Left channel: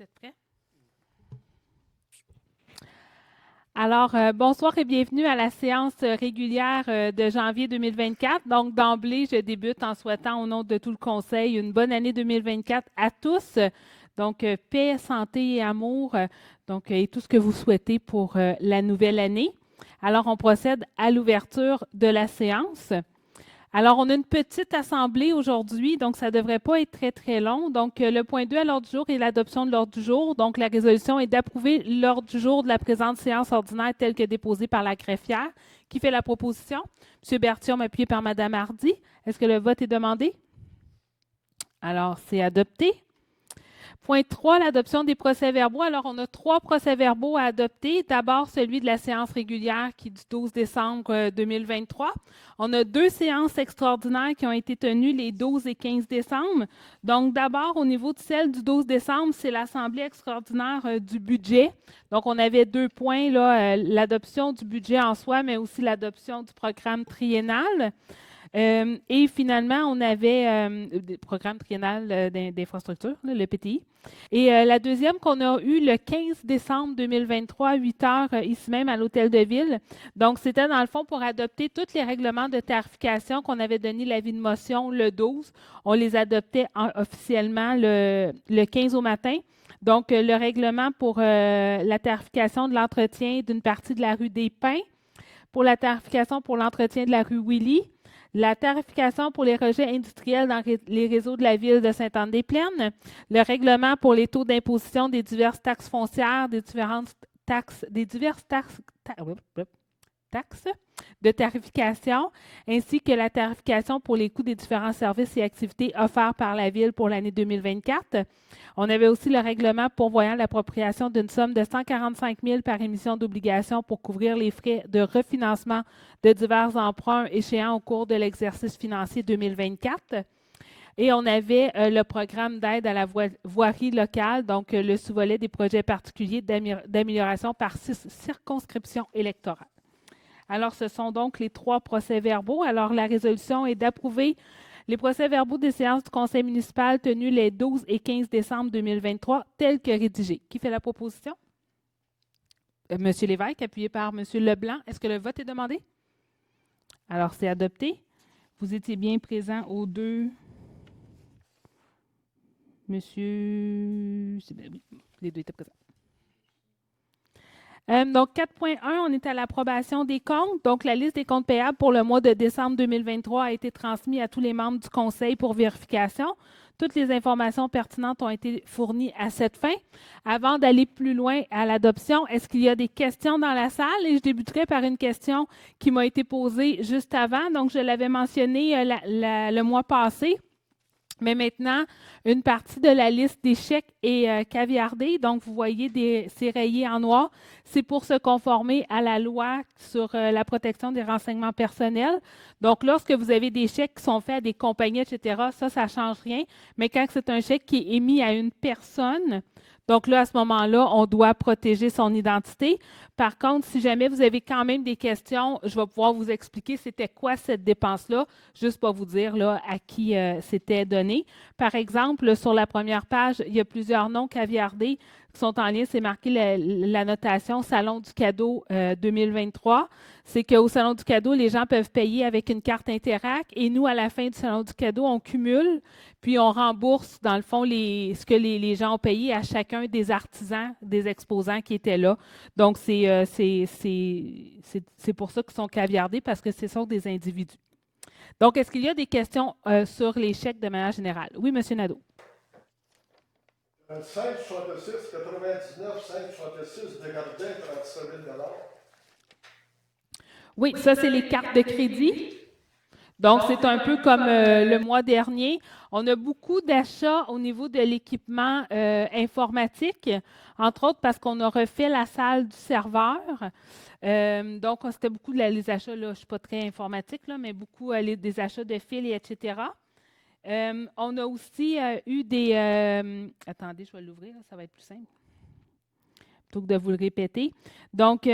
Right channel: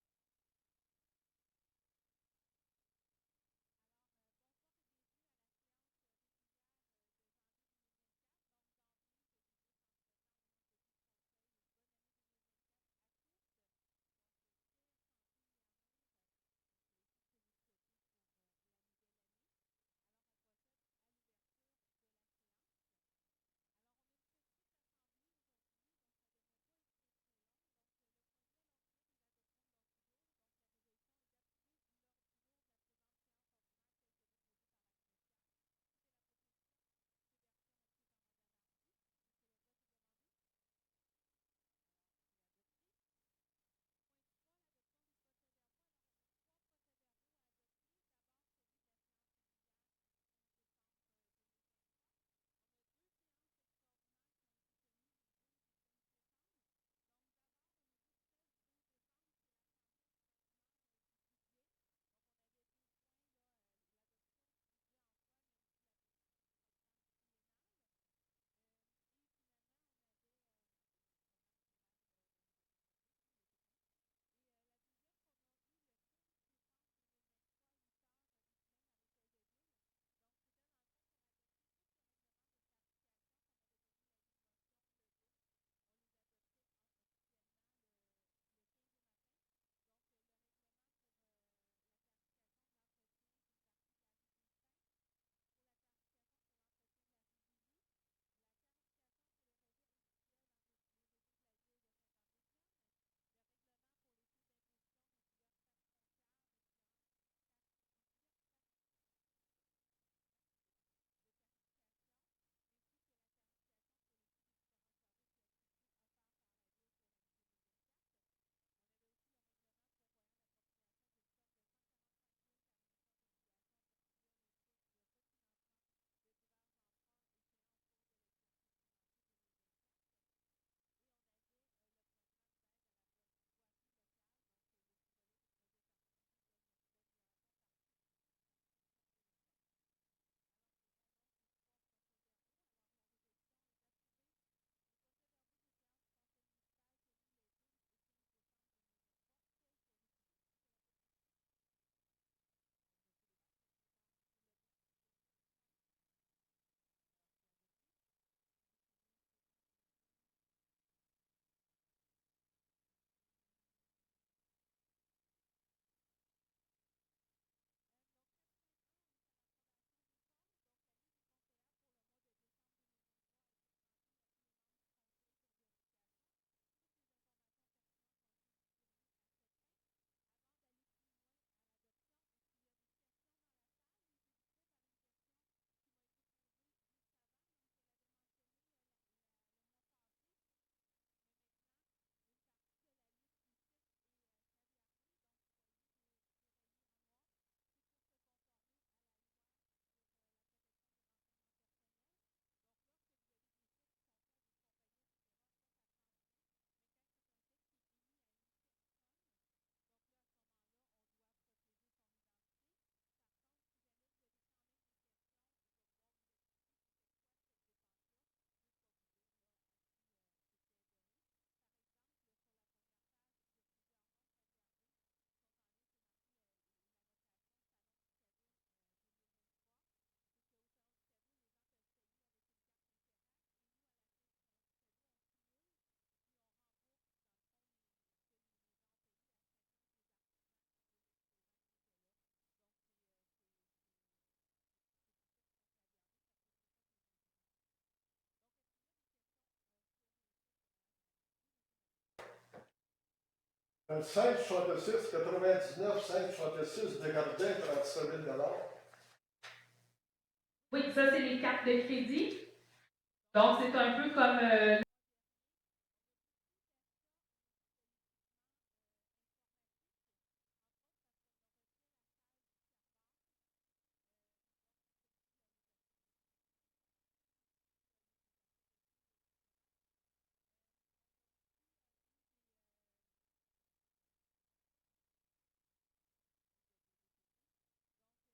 Vous êtes prêts? Alors, bonsoir et bienvenue à la séance régulière de janvier 2024. Donc, d'emblée, je débute en souhaitant au nom de tout le Conseil une bonne année 2024 à tous. Donc, paix, santé et amour, et tout ce que vous souhaitez pour la nouvelle année. Alors, on procède à l'ouverture de la séance. Alors, on a une petite assemblée aujourd'hui, donc ça ne devrait pas être très, très long. Donc, le point 2 à l'ordre du jour est l'adoption de l'ordre du jour. Donc, la résolution est d'approuver l'ordre du jour de la présente séance ordinaire telle que déposée par la greffière. Qui fait la proposition? M. Berthiaume, appuyé par Mme Hardy. Est-ce que le vote est demandé? Alors, c'est adopté. Point 3, l'adoption des procès-verbaux. Alors, on a 3 procès-verbaux à adopter. D'abord, celui de la séance régulière qui est du 12 décembre 2023. On a 2 séances extraordinaires qui ont été tenues les 12 et 15 décembre. Donc, d'abord, au niveau de celle du 12 décembre, c'est l'Assemblée extraordinaire du budget. Donc, on avait 2 points, là, l'adoption du budget en soi, mais aussi l'adoption du programme triennal. Et finalement, on avait le programme triennal d'infrastructure, le PTI. Et la deuxième qu'on a eue le 15 décembre 2023 à 8 heures, ici même à l'Hôtel de Ville. Donc, c'était dans le fond pour adopter tous les règlements de tarification qu'on avait donné l'avis de motion le 12. On les adoptait officiellement le 15 au matin. Donc, le règlement pour la tarification de l'entretien d'une partie de la rue des Pins, pour la tarification pour l'entretien de la rue Willy, la tarification pour les rejets industriels dans les réseaux de la ville de Sainte-Anne-des-Plaines, le règlement pour les taux d'imposition des diverses taxes foncières, des diverses taxes de tarification, ainsi que la tarification pour les coûts des différents services et activités offerts par la Ville pour l'année 2024. On avait aussi le règlement pourvoyant l'appropriation d'une somme de 145 000 par émission d'obligations pour couvrir les frais de refinancement de divers emprunts échéants au cours de l'exercice financier 2024. Et on avait le programme d'aide à la voirie locale, donc le sous-volet des projets particuliers d'amélioration par circonscription électorale. Alors, ce sont donc les 3 procès-verbaux. Alors, la résolution est d'approuver les procès-verbaux des séances du Conseil municipal tenues les 12 et 15 décembre 2023, tels que rédigés. Qui fait la proposition? M. Lévesque, appuyé par M. Leblanc. Est-ce que le vote est demandé? Alors, c'est adopté. Vous étiez bien présent aux 2. Monsieur. Oui, les 2 étaient présents. Donc, 4.1, on est à l'approbation des comptes. Donc, la liste des comptes payables pour le mois de décembre 2023 a été transmise à tous les membres du Conseil pour vérification. Toutes les informations pertinentes ont été fournies à cette fin. Avant d'aller plus loin à l'adoption, est-ce qu'il y a des questions dans la salle? Et je débuterai par une question qui m'a été posée juste avant. Donc, je l'avais mentionné le mois passé. Mais maintenant, une partie de la liste des chèques est caviardée. Donc, vous voyez c'est rayé en noir. C'est pour se conformer à la loi sur la protection des renseignements personnels. Donc, lorsque vous avez des chèques qui sont faits à des compagnies, etc., ça ne change rien. Mais quand c'est un chèque qui est émis à une personne, donc là, à ce moment-là, on doit protéger son identité. Par contre, si jamais vous avez quand même des questions, je vais pouvoir vous expliquer c'était quoi cette dépense-là, juste pour vous dire là, à qui c'était donné. Par exemple, sur la première page, il y a plusieurs noms caviardés qui sont en lien. C'est marqué la notation Salon du cadeau 2023. C'est qu'au Salon du cadeau, les gens peuvent payer avec une carte Interac et nous, à la fin du Salon du cadeau, on cumule, puis on rembourse, dans le fond, ce que les gens ont payé à chacun des artisans, des exposants qui étaient là. Donc, c'est pour ça qu'ils sont caviardés, parce que ce sont des individus. Donc, est-ce qu'il y a des questions sur les chèques de manière générale? Oui, M. Nadeau. 5,66, 99, 5,66, Desjardins, 37 000 Oui, ça, c'est les cartes de crédit. Donc, c'est un peu comme le mois dernier. On a beaucoup d'achats au niveau de l'équipement informatique, entre autres parce qu'on a refait la salle du serveur. Donc, c'était beaucoup les achats, là, je ne suis pas très informatique, là, mais beaucoup des achats de fils, etc. On a aussi eu des... attendez, je vais l'ouvrir, ça va être plus simple. plutôt que de vous le répéter. Donc,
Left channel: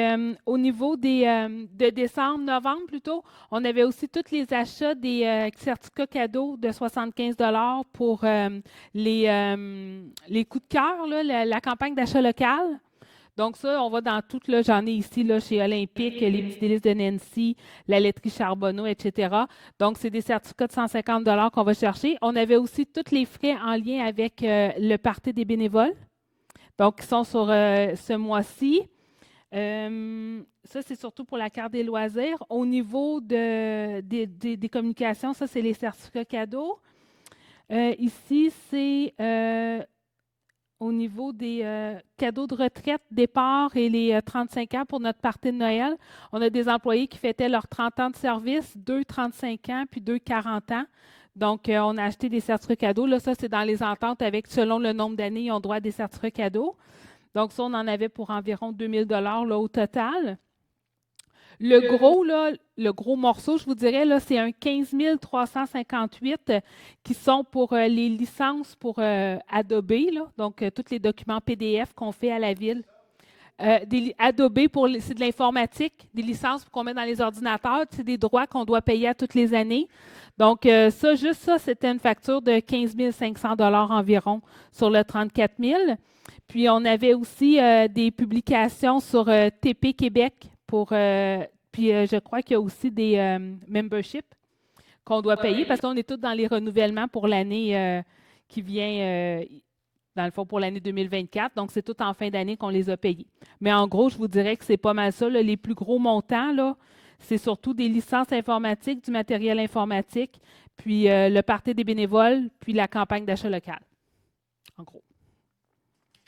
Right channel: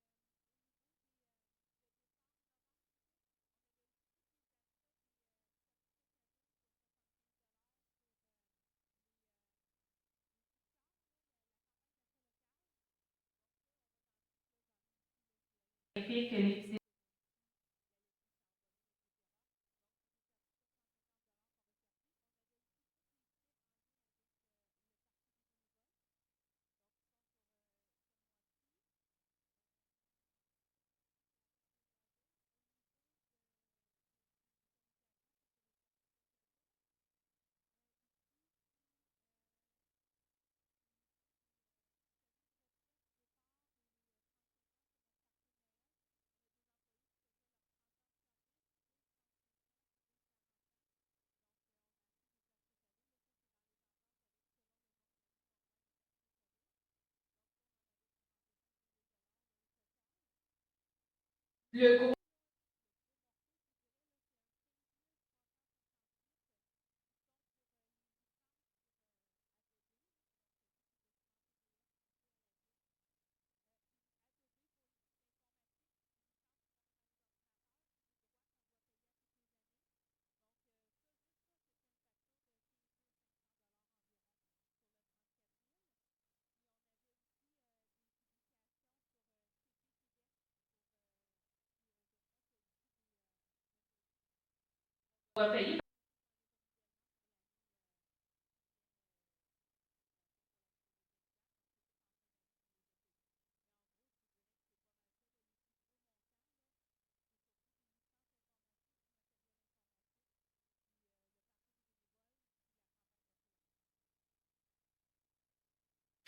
au niveau de décembre, novembre plutôt, on avait aussi tous les achats des certificats cadeaux de 75 pour les coups de cœur, là, la campagne d'achat local. Donc ça, on va dans tout, là, j'en ai ici là, chez Olympique, les petits délices de Nancy, la laiterie Charbonneau, etc. Donc, c'est des certificats de 150 qu'on va chercher. On avait aussi tous les frais en lien avec le party des bénévoles, donc qui sont sur ce mois-ci. Ça, c'est surtout pour la carte des loisirs. Au niveau des communications, ça, c'est les certificats cadeaux. Ici, c'est au niveau des cadeaux de retraite, départ et les 35 ans pour notre party de Noël. On a des employés qui fêtaient leurs 30 ans de service, 2 35 ans, puis 2 40 ans. Donc, on a acheté des certificats cadeaux. Là, ça, c'est dans les ententes avec, selon le nombre d'années, ils ont droit à des certificats cadeaux. Donc, ça, on en avait pour environ 2000 là, au total. Le gros morceau, je vous dirais, là, c'est un 15 358 qui sont pour les licences pour Adobe, là, donc tous les documents PDF qu'on fait à la ville. Adobe, c'est de l'informatique, des licences qu'on met dans les ordinateurs, c'est des droits qu'on doit payer à toutes les années. Donc, juste ça, c'était une facture de 15 500 environ sur le 34 000. Puis, on avait aussi des publications sur TP Québec puis je crois qu'il y a aussi des memberships qu'on doit payer parce qu'on est tous dans les renouvellements pour l'année qui vient, dans le fond, pour l'année 2024. Donc, c'est tout en fin d'année qu'on les a payés. Mais en gros, je vous dirais que c'est pas mal ça. Là, les plus gros montants, là, c'est surtout des licences informatiques, du matériel informatique, puis le party des bénévoles, puis la campagne d'achat local. En gros.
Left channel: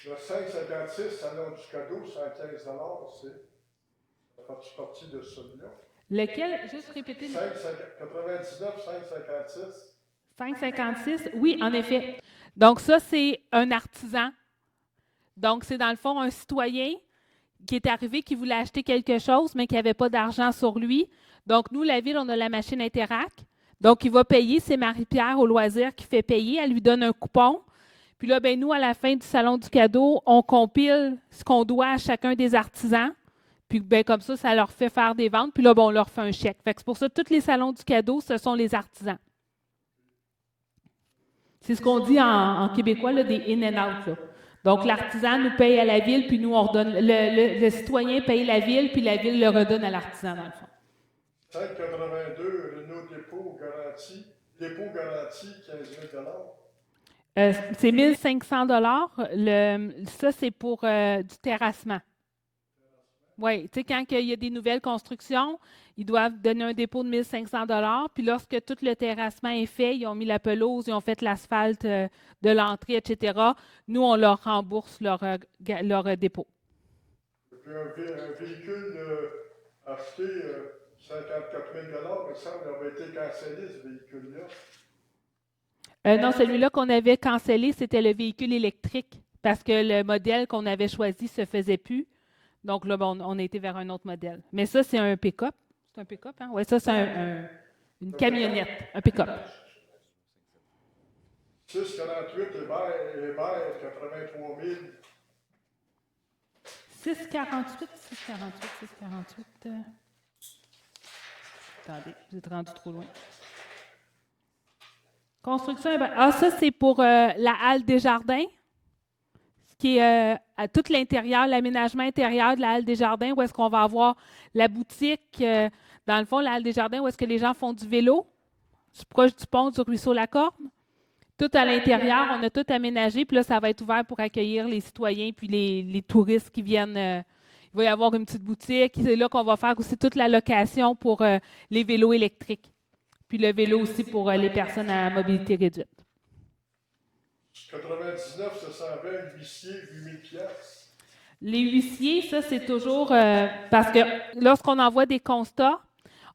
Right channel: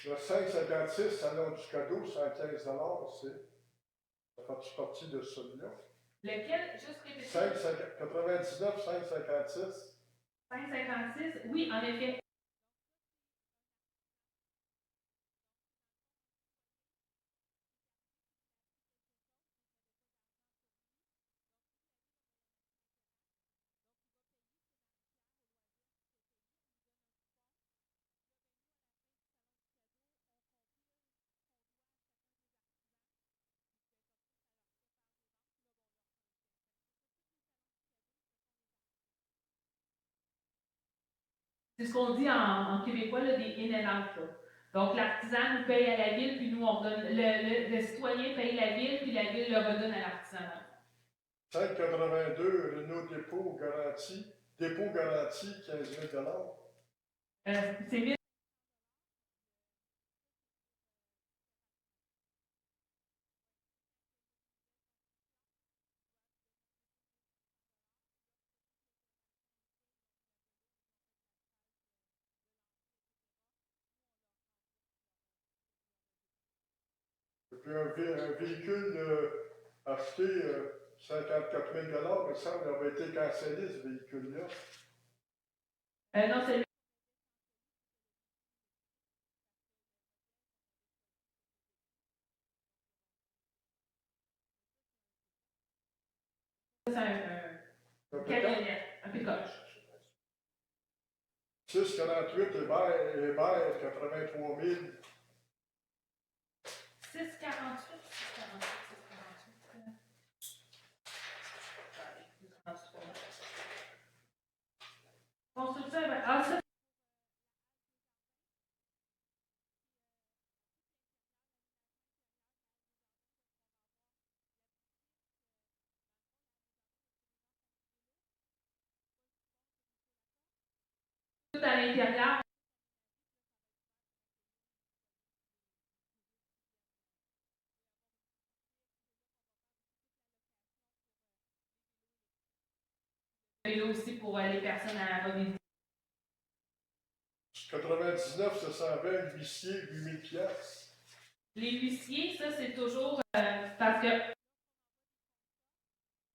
Le 5,56, salon du cadeau, 115 ça fait partie de celui-là. Lequel? Juste répéter. 5,99, 5,56. 5,56, oui, en effet. Donc, ça, c'est un artisan. Donc, c'est dans le fond un citoyen qui est arrivé, qui voulait acheter quelque chose, mais qui n'avait pas d'argent sur lui. Donc, nous, la ville, on a la machine Interact. Donc, il va payer. C'est Marie-Pierre au loisir qui fait payer. Elle lui donne un coupon. Puis là, ben nous, à la fin du salon du cadeau, on compile ce qu'on doit à chacun des artisans. Puis ben, comme ça leur fait faire des ventes. Puis là, ben, on leur fait un chèque. Fait que c'est pour ça que tous les salons du cadeau, ce sont les artisans. C'est ce qu'on dit en québécois, là, des in and out. Là. Donc, l'artisan nous paye à la ville, puis nous, on redonne. Le citoyen paye la ville, puis la ville le redonne à l'artisan. 5,82, Renault dépôt garanti, 15 000 c'est 1 500 Ça, c'est pour du terrassement. Oui, tu sais, quand il y a des nouvelles constructions, ils doivent donner un dépôt de 1 500 puis lorsque tout le terrassement est fait, ils ont mis la pelouse, ils ont fait l'asphalte de l'entrée, etc., nous, on leur rembourse leur dépôt. Et puis un véhicule acheté 54 000 il me semble, il avait été cancellé, ce véhicule-là. Non, celui-là qu'on avait cancellé, c'était le véhicule électrique parce que le modèle qu'on avait choisi ne se faisait plus. Donc là, bon, on a été vers un autre modèle. Mais ça, c'est un pick-up. C'est un pick-up, hein? Oui, ça, c'est une camionnette, un pick-up. 6,48 Hébert, 83 000. 6,48. Attendez, j'ai rendu trop loin. Construction. Ça, c'est pour la halle des jardins, qui est à tout l'intérieur, l'aménagement intérieur de la halle des jardins, où est-ce qu'on va avoir la boutique, dans le fond, la halle des jardins, où est-ce que les gens font du vélo, proche du pont du ruisseau Lacorne. Tout à l'intérieur, on a tout aménagé, puis là, ça va être ouvert pour accueillir les citoyens puis les touristes qui viennent. Il va y avoir une petite boutique. C'est là qu'on va faire aussi toute la location pour les vélos électriques. Puis le vélo aussi pour les personnes à mobilité réduite. 99, ça s'en va, huissier, 8 000 $. Les huissiers, ça, c'est toujours parce que lorsqu'on envoie des constats,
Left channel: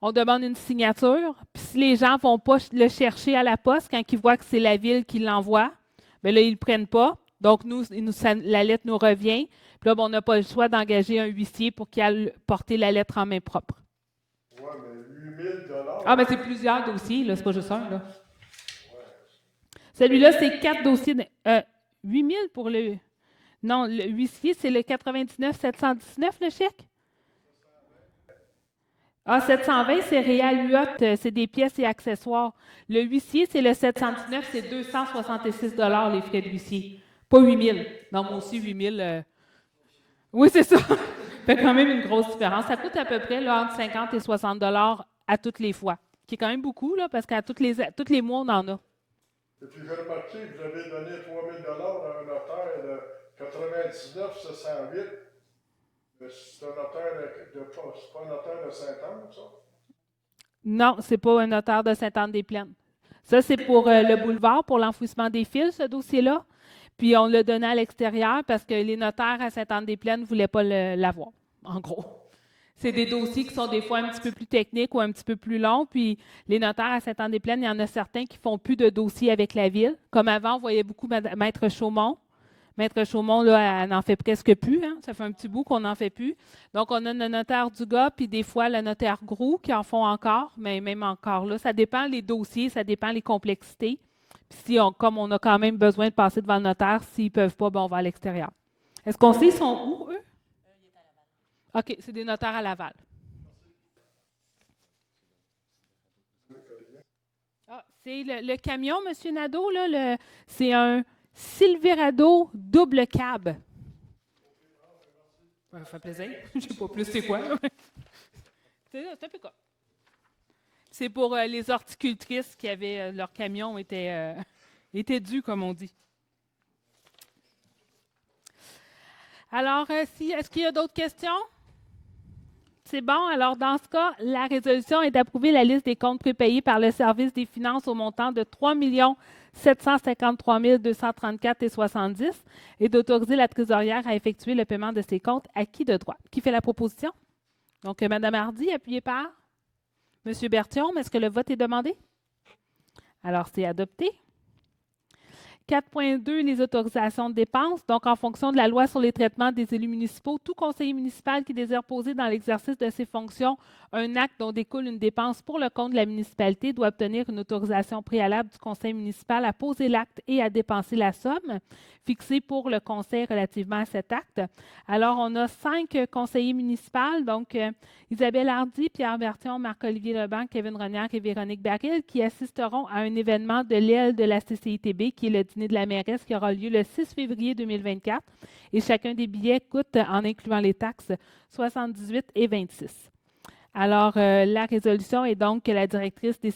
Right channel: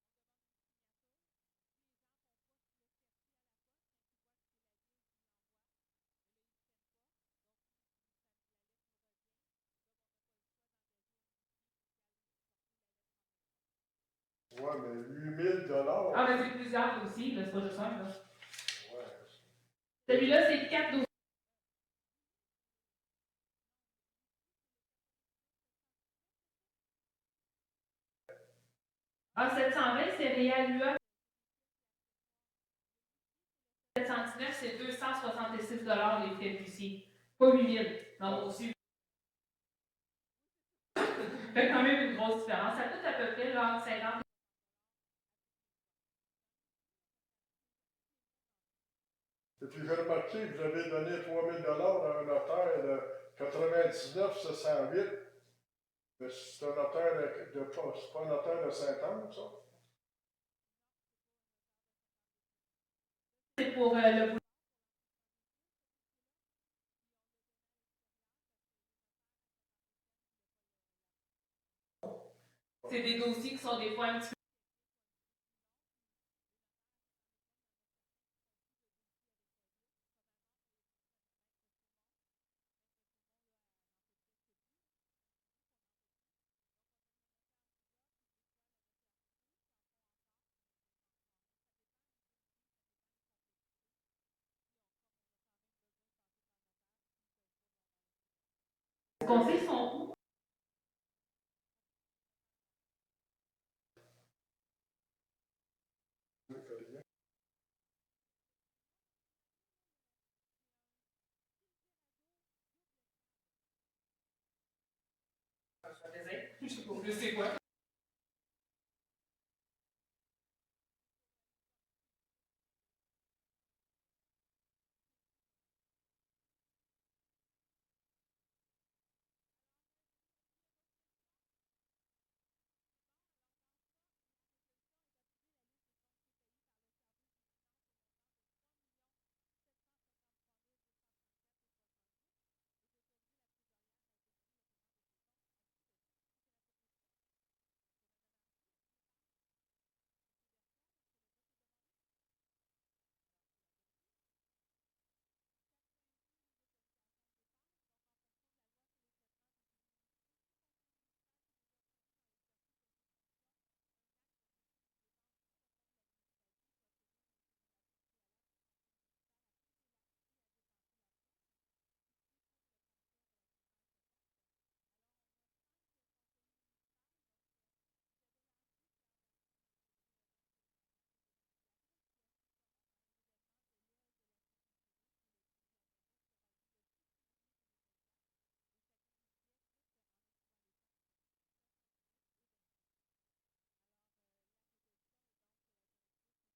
on demande une signature. Puis si les gens ne vont pas le chercher à la poste, quand ils voient que c'est la ville qui l'envoie, bien là, ils ne le prennent pas. Donc, la lettre nous revient. Puis là, ben, on n'a pas le choix d'engager un huissier pour qu'il aille porter la lettre en main propre. Oui, mais 8 000 $. Ah, mais c'est plusieurs dossiers, là, c'est pas juste un. Là. Celui-là, c'est 4 dossiers. 8 000 pour le. Non, le huissier, c'est le 99 719, le chèque? Ah, 720, c'est Réal Huot, c'est des pièces et accessoires. Le huissier, c'est le 719, c'est 266 les frais de huissier. Pas 8 000. Donc, aussi 8 000. Oui, c'est ça. Ça fait quand même une grosse différence. Ça coûte à peu près là, entre 50 et 60 à toutes les fois, qui est quand même beaucoup, là, parce qu'à tous les mois, on en a. Et puis j'ai remarqué que vous avez donné 3 000 à un notaire de 99 708. Mais c'est un notaire c'est pas un notaire de Saint-Anne, ça? Non, c'est pas un notaire de Sainte-Anne-des-Plaines. Ça, c'est pour le boulevard, pour l'enfouissement des fils, ce dossier-là. Puis on l'a donné à l'extérieur parce que les notaires à Sainte-Anne-des-Plaines ne voulaient pas l'avoir, en gros. C'est des dossiers qui sont des fois un petit peu plus techniques ou un petit peu plus longs. Puis les notaires à Sainte-Anne-des-Plaines, il y en a certains qui font plus de dossiers avec la ville. Comme avant, on voyait beaucoup Maître Chaumont. Maître Chaumont, là, elle n'en fait presque plus. Hein? Ça fait un petit bout qu'on n'en fait plus. Donc, on a le notaire Dugas, puis des fois le notaire Groux qui en font encore, mais même encore là. Ça dépend les dossiers, ça dépend les complexités. Puis si comme on a quand même besoin de passer devant le notaire, s'ils ne peuvent pas, ben, on va à l'extérieur. Est-ce qu'on sait ils sont où, eux? OK, c'est des notaires à Laval. Ah, c'est le camion, M. Nadeau, là, c'est un Silverado double cab. Ça fait plaisir. Je ne sais pas plus c'est quoi. C'est un peu quoi. C'est pour les horticultrices qui avaient leur camion était dû, comme on dit. Alors, est-ce qu'il y a d'autres questions? C'est bon. Alors, dans ce cas, la résolution est d'approuver la liste des comptes prépayés par le service des finances au montant de 3 753 234,70 et d'autoriser la trésorière à effectuer le paiement de ces comptes acquis de droit. Qui fait la proposition? Donc, Mme Hardy, appuyée par M. Berthiaume. Est-ce que le vote est demandé? Alors, c'est adopté. 4.2, les autorisations de dépenses. Donc, en fonction de la loi sur les traitements des élus municipaux, tout conseiller municipal qui désire poser dans l'exercice de ses fonctions un acte dont découle une dépense pour le compte de la municipalité doit obtenir une autorisation préalable du conseil municipal à poser l'acte et à dépenser la somme fixée pour le conseil relativement à cet acte. Alors, on a 5 conseillers municipaux, donc Isabelle Hardy, Pierre Berthiaume, Marc-Olivier Leblanc, Kevin Renière et Véronique Baril, qui assisteront à un événement de l'aile de la CCITB, qui est le dîner de la mairesse, qui aura lieu le 6 février 2024. Et chacun des billets coûte, en incluant les taxes, 78 et 26. Alors, la résolution est donc que la directrice du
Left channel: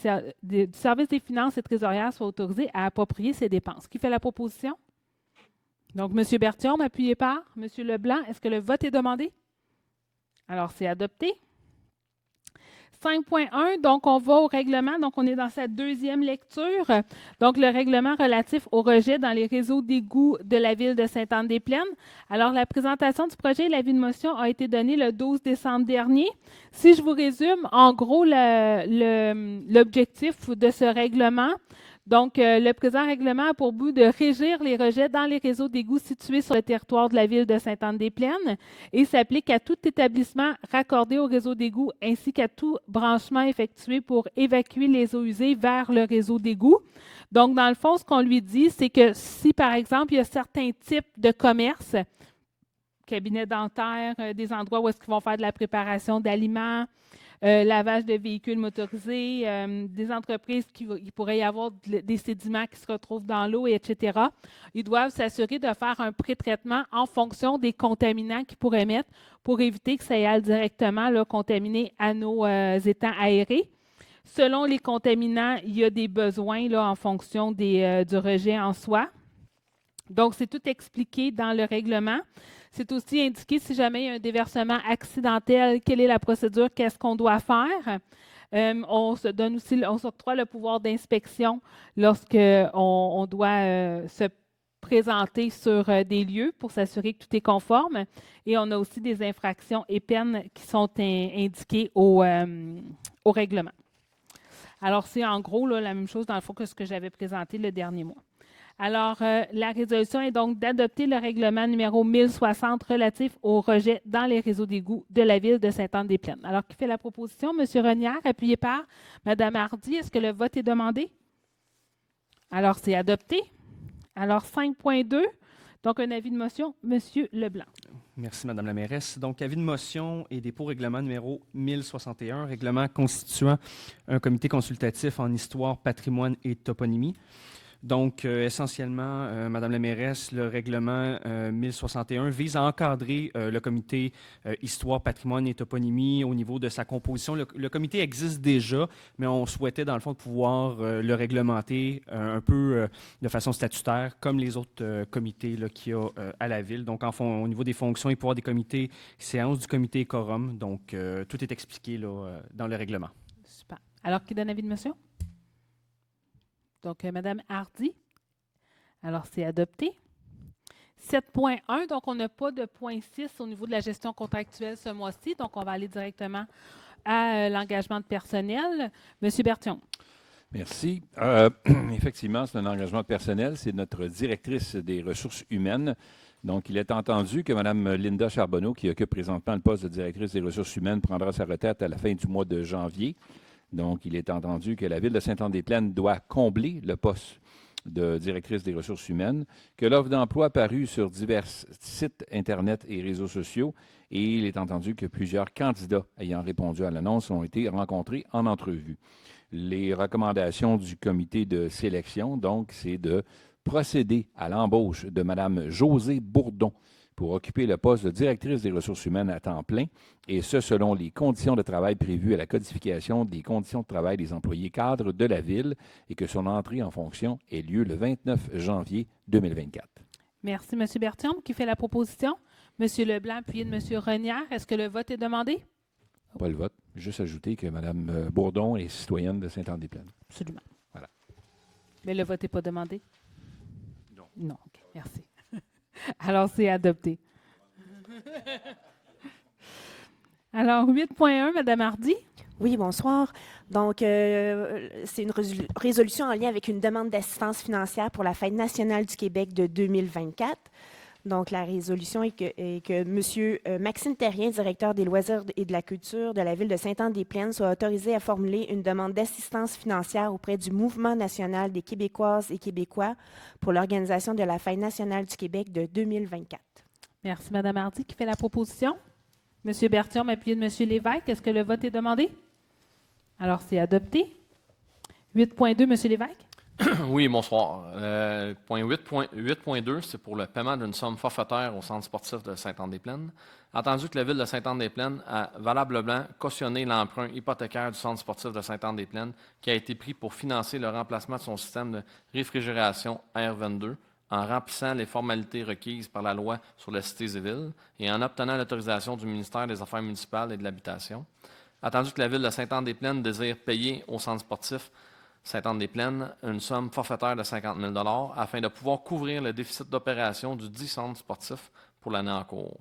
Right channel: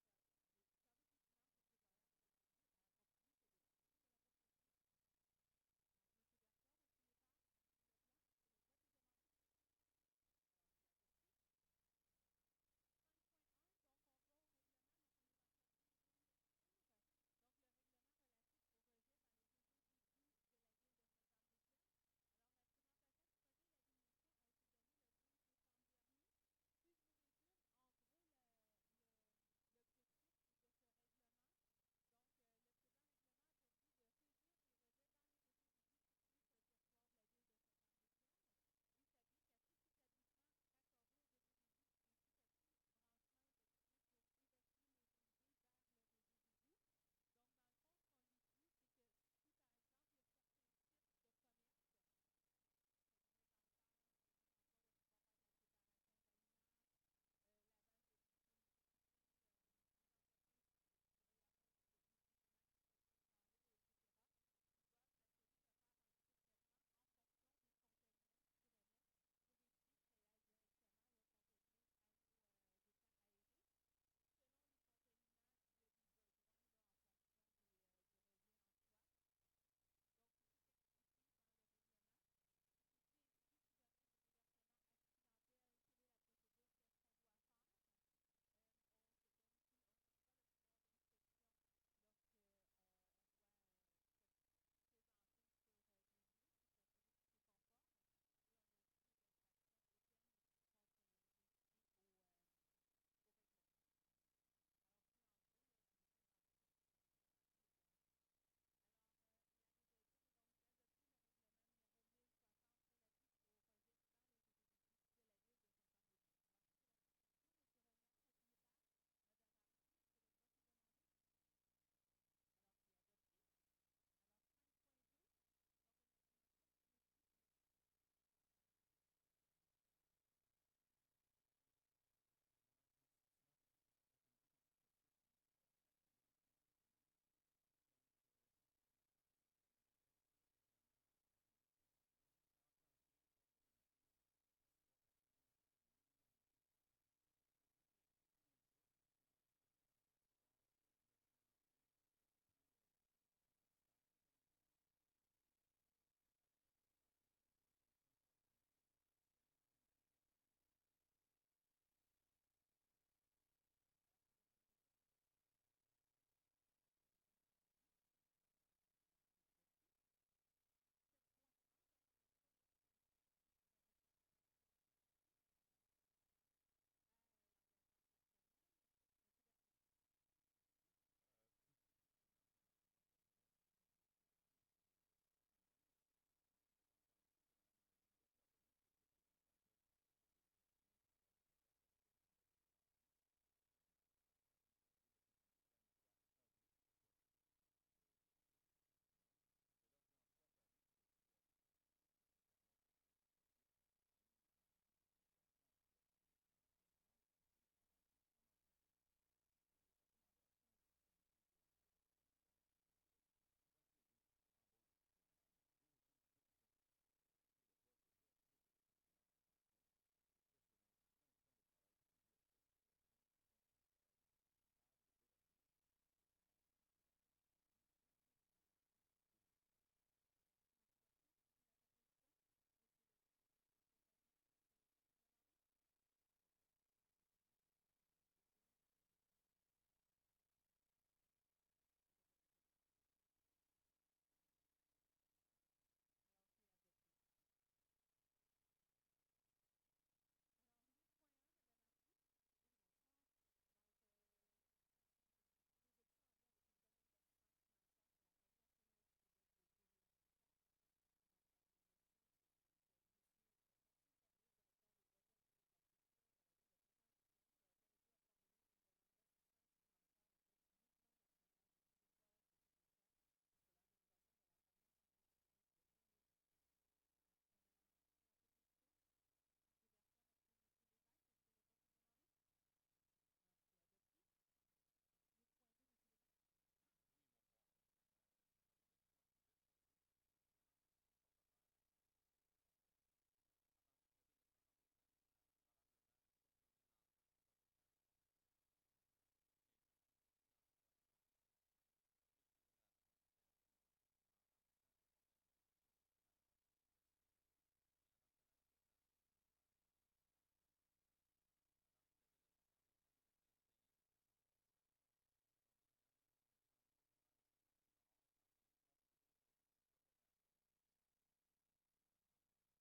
service des finances et trésorière soit autorisée à approprier ses dépenses. Qui fait la proposition? Donc, M. Berthiaume, appuyé par M. Leblanc. Est-ce que le vote est demandé? Alors, c'est adopté. 5.1, donc on va au règlement. Donc, on est dans sa deuxième lecture. Donc, le règlement relatif au rejet dans les réseaux d'égouts de la ville de Sainte-Anne-des-Plaines. Alors, la présentation du projet et l'avis de motion a été donnée le 12 décembre dernier. Si je vous résume, en gros, l'objectif de ce règlement, donc, le présent règlement a pour but de régir les rejets dans les réseaux d'égouts situés sur le territoire de la ville de Sainte-Anne-des-Plaines et s'applique à tout établissement raccordé au réseau d'égouts ainsi qu'à tout branchement effectué pour évacuer les eaux usées vers le réseau d'égouts. Donc, dans le fond, ce qu'on lui dit, c'est que si, par exemple, il y a certains types de commerces, cabinets dentaires, des endroits où est-ce qu'ils vont faire de la préparation d'aliments, lavage de véhicules motorisés, des entreprises qui pourrait y avoir des sédiments qui se retrouvent dans l'eau, etc. Ils doivent s'assurer de faire un pré-traitement en fonction des contaminants qu'ils pourraient mettre pour éviter que ça aille directement là, contaminer à nos étangs aérés. Selon les contaminants, il y a des besoins là, en fonction du rejet en soi. Donc, c'est tout expliqué dans le règlement. C'est aussi indiqué si jamais il y a un déversement accidentel, quelle est la procédure, qu'est-ce qu'on doit faire. On s'octroie le pouvoir d'inspection lorsqu'on doit se présenter sur des lieux pour s'assurer que tout est conforme. Et on a aussi des infractions et peines qui sont indiquées au règlement. Alors, c'est en gros là, la même chose dans le fond que ce que j'avais présenté le dernier mois. Alors, la résolution est donc d'adopter le règlement numéro 1060 relatif au rejet dans les réseaux d'égouts de la ville de Sainte-Anne-des-Plaines. Alors, qui fait la proposition? M. Renière, appuyé par Mme Hardy. Est-ce que le vote est demandé? Alors, c'est adopté. Alors, 5.2. Donc, un avis de motion, M. Leblanc. Merci, Madame la mairesse. Donc, avis de motion et dépôt règlement numéro 1061, règlement constituant un comité consultatif en histoire, patrimoine et toponymie. Donc, essentiellement, Madame la mairesse, le règlement 1061 vise à encadrer le comité histoire, patrimoine et toponymie au niveau de sa composition. Le comité existe déjà, mais on souhaitait, dans le fond, pouvoir le réglementer un peu de façon statutaire, comme les autres comités qu'il y a à la ville. Donc, au niveau des fonctions et pouvoirs des comités, séance du comité et quorum. Donc, tout est expliqué là, dans le règlement. Super. Alors, qui donne avis de motion? Donc, Mme Hardy. Alors, c'est adopté. 7.1, donc on n'a pas de point 6 au niveau de la gestion contractuelle ce mois-ci, donc on va aller directement à l'engagement de personnel. Monsieur Berthiaume. Merci. Effectivement, c'est un engagement personnel. C'est notre directrice des ressources humaines. Donc, il est entendu que Mme Linda Charbonneau, qui occupe présentement le poste de directrice des ressources humaines, prendra sa retraite à la fin du mois de janvier. Donc, il est entendu que la Ville de Sainte-Anne-des-Plaines doit combler le poste de directrice des ressources humaines, que l'offre d'emploi a paru sur divers sites Internet et réseaux sociaux, et il est entendu que plusieurs candidats ayant répondu à l'annonce ont été rencontrés en entrevue. Les recommandations du comité de sélection, donc, c'est de procéder à l'embauche de Mme Josée Bourdon pour occuper le poste de directrice des ressources humaines à temps plein, et ce, selon les conditions de travail prévues à la codification des conditions de travail des employés cadres de la Ville, et que son entrée en fonction ait lieu le 29 janvier 2024. Merci, M. Berthiaume. Qui fait la proposition? M. Leblanc, appuyé de M. Renière. Est-ce que le vote est demandé? Pas le vote. Juste ajouter que Mme Bourdon est citoyenne de Sainte-Anne-des-Plaines. Absolument. Voilà. Mais le vote n'est pas demandé? Non. Non, OK. Merci. Alors, c'est adopté. Alors, 8.1, Mme Hardy. Oui, bonsoir. Donc, c'est une résolution en lien avec une demande d'assistance financière pour la Fête nationale du Québec de 2024. Donc, la résolution est que M. Maxime Terrien, directeur des loisirs et de la culture de la Ville de Sainte-Anne-des-Plaines, soit autorisé à formuler une demande d'assistance financière auprès du Mouvement national des Québécoises et Québécois pour l'organisation de la Fête nationale du Québec de 2024. Merci, Mme Hardy. Qui fait la proposition? M. Berthiaume, appuyé de M. Lévesque. Est-ce que le vote est demandé? Alors, c'est adopté. 8.2, M. Lévesque. Oui, bonsoir. Point 8.2, c'est pour le paiement d'une somme forfaitaire au Centre sportif de Sainte-Anne-des-Plaines. Entendu que la Ville de Sainte-Anne-des-Plaines a valablement cautionné l'emprunt hypothécaire du Centre sportif de Sainte-Anne-des-Plaines qui a été pris pour financer le remplacement de son système de réfrigération R22 en remplissant les formalités requises par la loi sur la Cité civile et en obtenant l'autorisation du ministère des Affaires municipales et de l'Habitation. Attendu que la Ville de Sainte-Anne-des-Plaines désire payer au Centre sportif Sainte-Anne-des-Plaines une somme forfaitaire de 50 000 $ afin de pouvoir couvrir le déficit d'opération du dit centre sportif pour l'année en cours.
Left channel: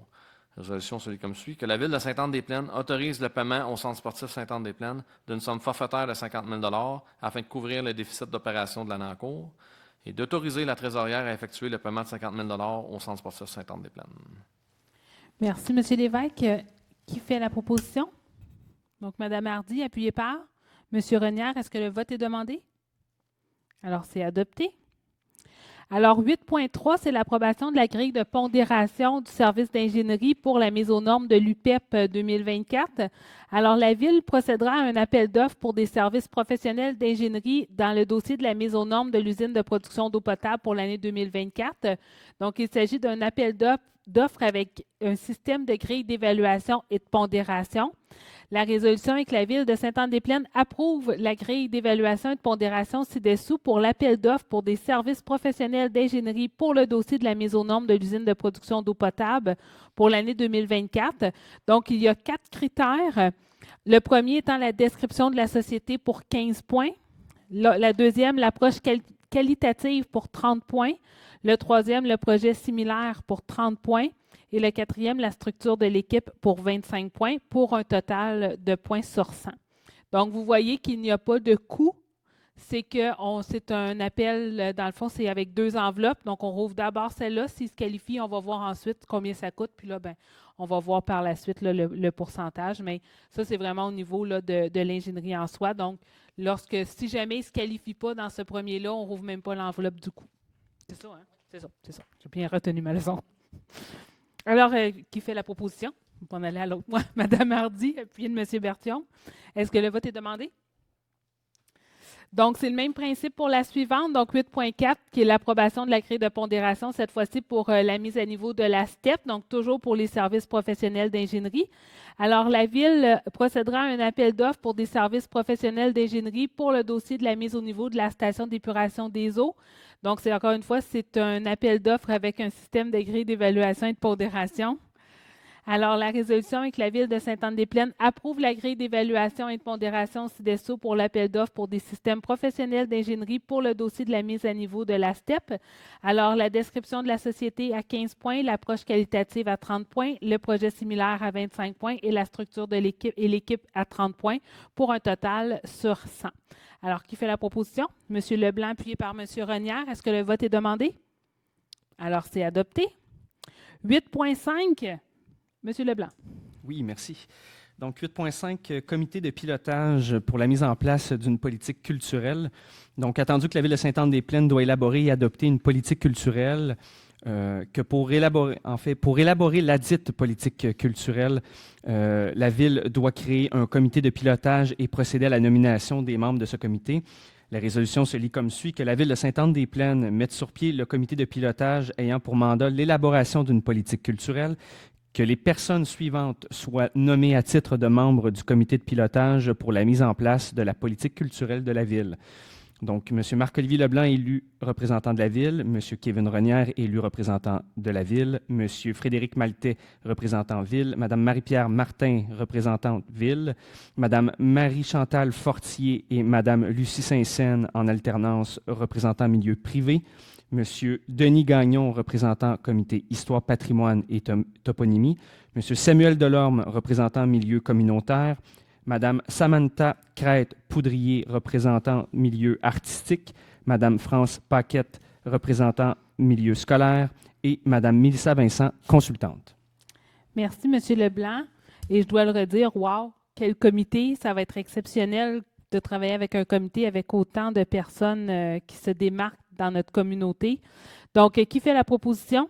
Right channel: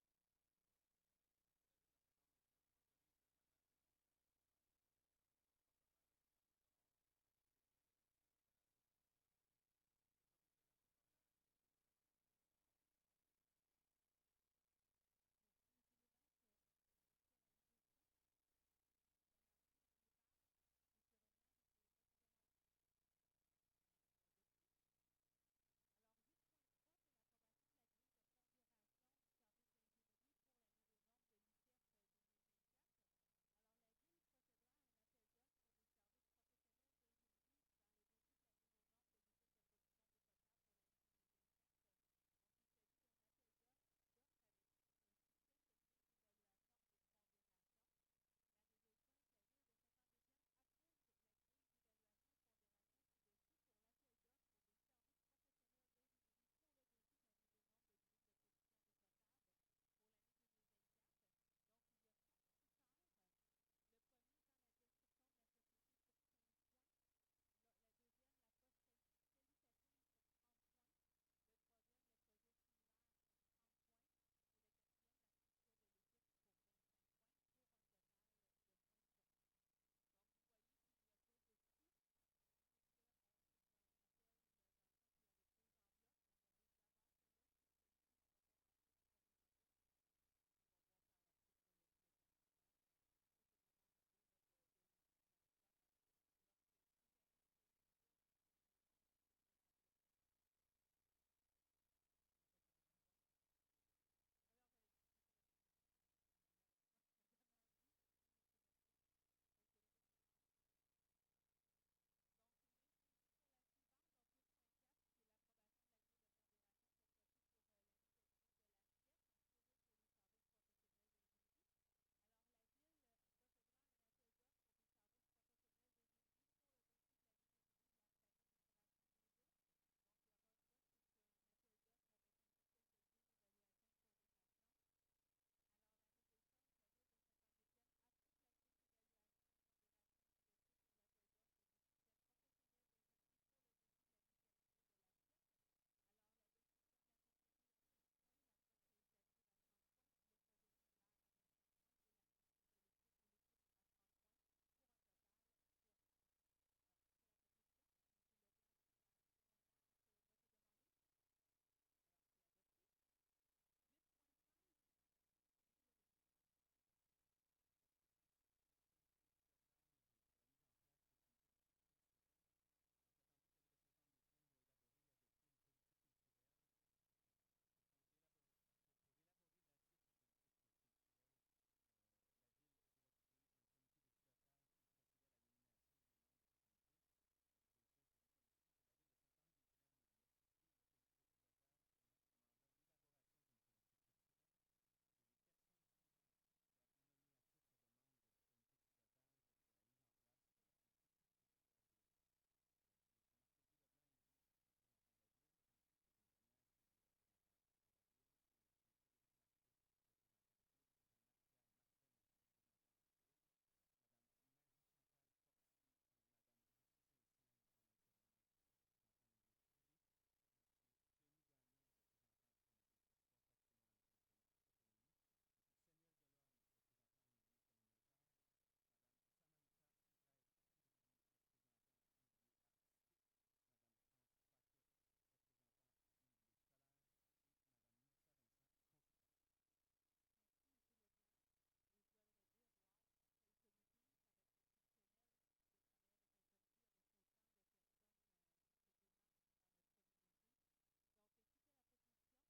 La résolution se lit comme suit. Que la Ville de Sainte-Anne-des-Plaines autorise le paiement au Centre sportif Sainte-Anne-des-Plaines d'une somme forfaitaire de 50 000 $ afin de couvrir le déficit d'opération de l'année en cours et d'autoriser la trésorière à effectuer le paiement de 50 000 $ au Centre sportif Sainte-Anne-des-Plaines. Merci, M. Lévesque. Qui fait la proposition? Donc, Mme Hardy, appuyée par M. Renière. Est-ce que le vote est demandé? Alors, c'est adopté. Alors, 8.3, c'est l'approbation de la grille de pondération du service d'ingénierie pour la mise aux normes de l'UPEP 2024. Alors, la Ville procédera à un appel d'offres pour des services professionnels d'ingénierie dans le dossier de la mise aux normes de l'usine de production d'eau potable pour l'année 2024. Donc, il s'agit d'un appel d'offres avec un système de grille d'évaluation et de pondération. La résolution est que la Ville de Sainte-Anne-des-Plaines approuve la grille d'évaluation et de pondération ci-dessous pour l'appel d'offres pour des services professionnels d'ingénierie pour le dossier de la mise aux normes de l'usine de production d'eau potable pour l'année 2024. Donc, il y a 4 critères. Le premier étant la description de la société pour 15 points. La deuxième, l'approche qualitative pour 30 points. Le troisième, le projet similaire pour 30 points. Et le quatrième, la structure de l'équipe pour 25 points, pour un total de points sur 100. Donc, vous voyez qu'il n'y a pas de coût. C'est un appel, dans le fond, c'est avec 2 enveloppes. Donc, on rouvre d'abord celle-là. S'il se qualifie, on va voir ensuite combien ça coûte. Puis là, on va voir par la suite là, le pourcentage. Mais ça, c'est vraiment au niveau là, de l'ingénierie en soi. Donc, si jamais il ne se qualifie pas dans ce premier-là, on ne rouvre même pas l'enveloppe du coût. C'est ça, hein? C'est ça. J'ai bien retenu ma leçon. Alors, qui fait la proposition? On va aller à l'autre. Moi, Mme Hardy, appuyée de M. Berthiaume. Est-ce que le vote est demandé? Donc, c'est le même principe pour la suivante, donc 8.4, qui est l'approbation de la grille de pondération, cette fois-ci pour la mise à niveau de la STEP, donc toujours pour les services professionnels d'ingénierie. Alors, la Ville procédera à un appel d'offres pour des services professionnels d'ingénierie pour le dossier de la mise au niveau de la station d'épuration des eaux. Donc, c'est encore une fois, c'est un appel d'offres avec un système de grille d'évaluation et de pondération. Alors, la résolution est que la Ville de Sainte-Anne-des-Plaines approuve la grille d'évaluation et de pondération CIDESO pour l'appel d'offres pour des systèmes professionnels d'ingénierie pour le dossier de la mise à niveau de la STEP. Alors, la description de la société à 15 points, l'approche qualitative à 30 points, le projet similaire à 25 points et la structure de l'équipe à 30 points pour un total sur 100. Alors, qui fait la proposition? M. Leblanc, appuyé par M. Renière. Est-ce que le vote est demandé? Alors, c'est adopté. 8.5. Monsieur Leblanc. Oui, merci. Donc, 8.5, comité de pilotage pour la mise en place d'une politique culturelle. Donc, attendu que la Ville de Sainte-Anne-des-Plaines doit élaborer et adopter une politique culturelle, pour élaborer ladite politique culturelle, la Ville doit créer un comité de pilotage et procéder à la nomination des membres de ce comité. La résolution se lit comme suit: que la Ville de Sainte-Anne-des-Plaines mette sur pied le comité de pilotage ayant pour mandat l'élaboration d'une politique culturelle, que les personnes suivantes soient nommées à titre de membres du comité de pilotage pour la mise en place de la politique culturelle de la Ville. Donc, M. Marc-Olivier Leblanc, élu représentant de la Ville, M. Kevin Renière, élu représentant de la Ville, M. Frédéric Maltais, représentant Ville, Mme Marie-Pierre Martin, représentante Ville, Mme Marie-Chantal Fortier et Mme Lucie Saint-Saëns, en alternance, représentant milieu privé, M. Denis Gagnon, représentant comité Histoire, patrimoine et toponymie, M. Samuel Delorme, représentant milieu communautaire, Mme Samantha Crête-Poudrier, représentant milieu artistique, Mme France Paquette, représentant milieu scolaire, et Mme Mélissa Vincent, consultante. Merci, M. Leblanc. Et je dois le redire, wow, quel comité, ça va être exceptionnel de travailler avec un comité avec autant de personnes qui se démarquent dans notre communauté. Donc, qui fait la proposition?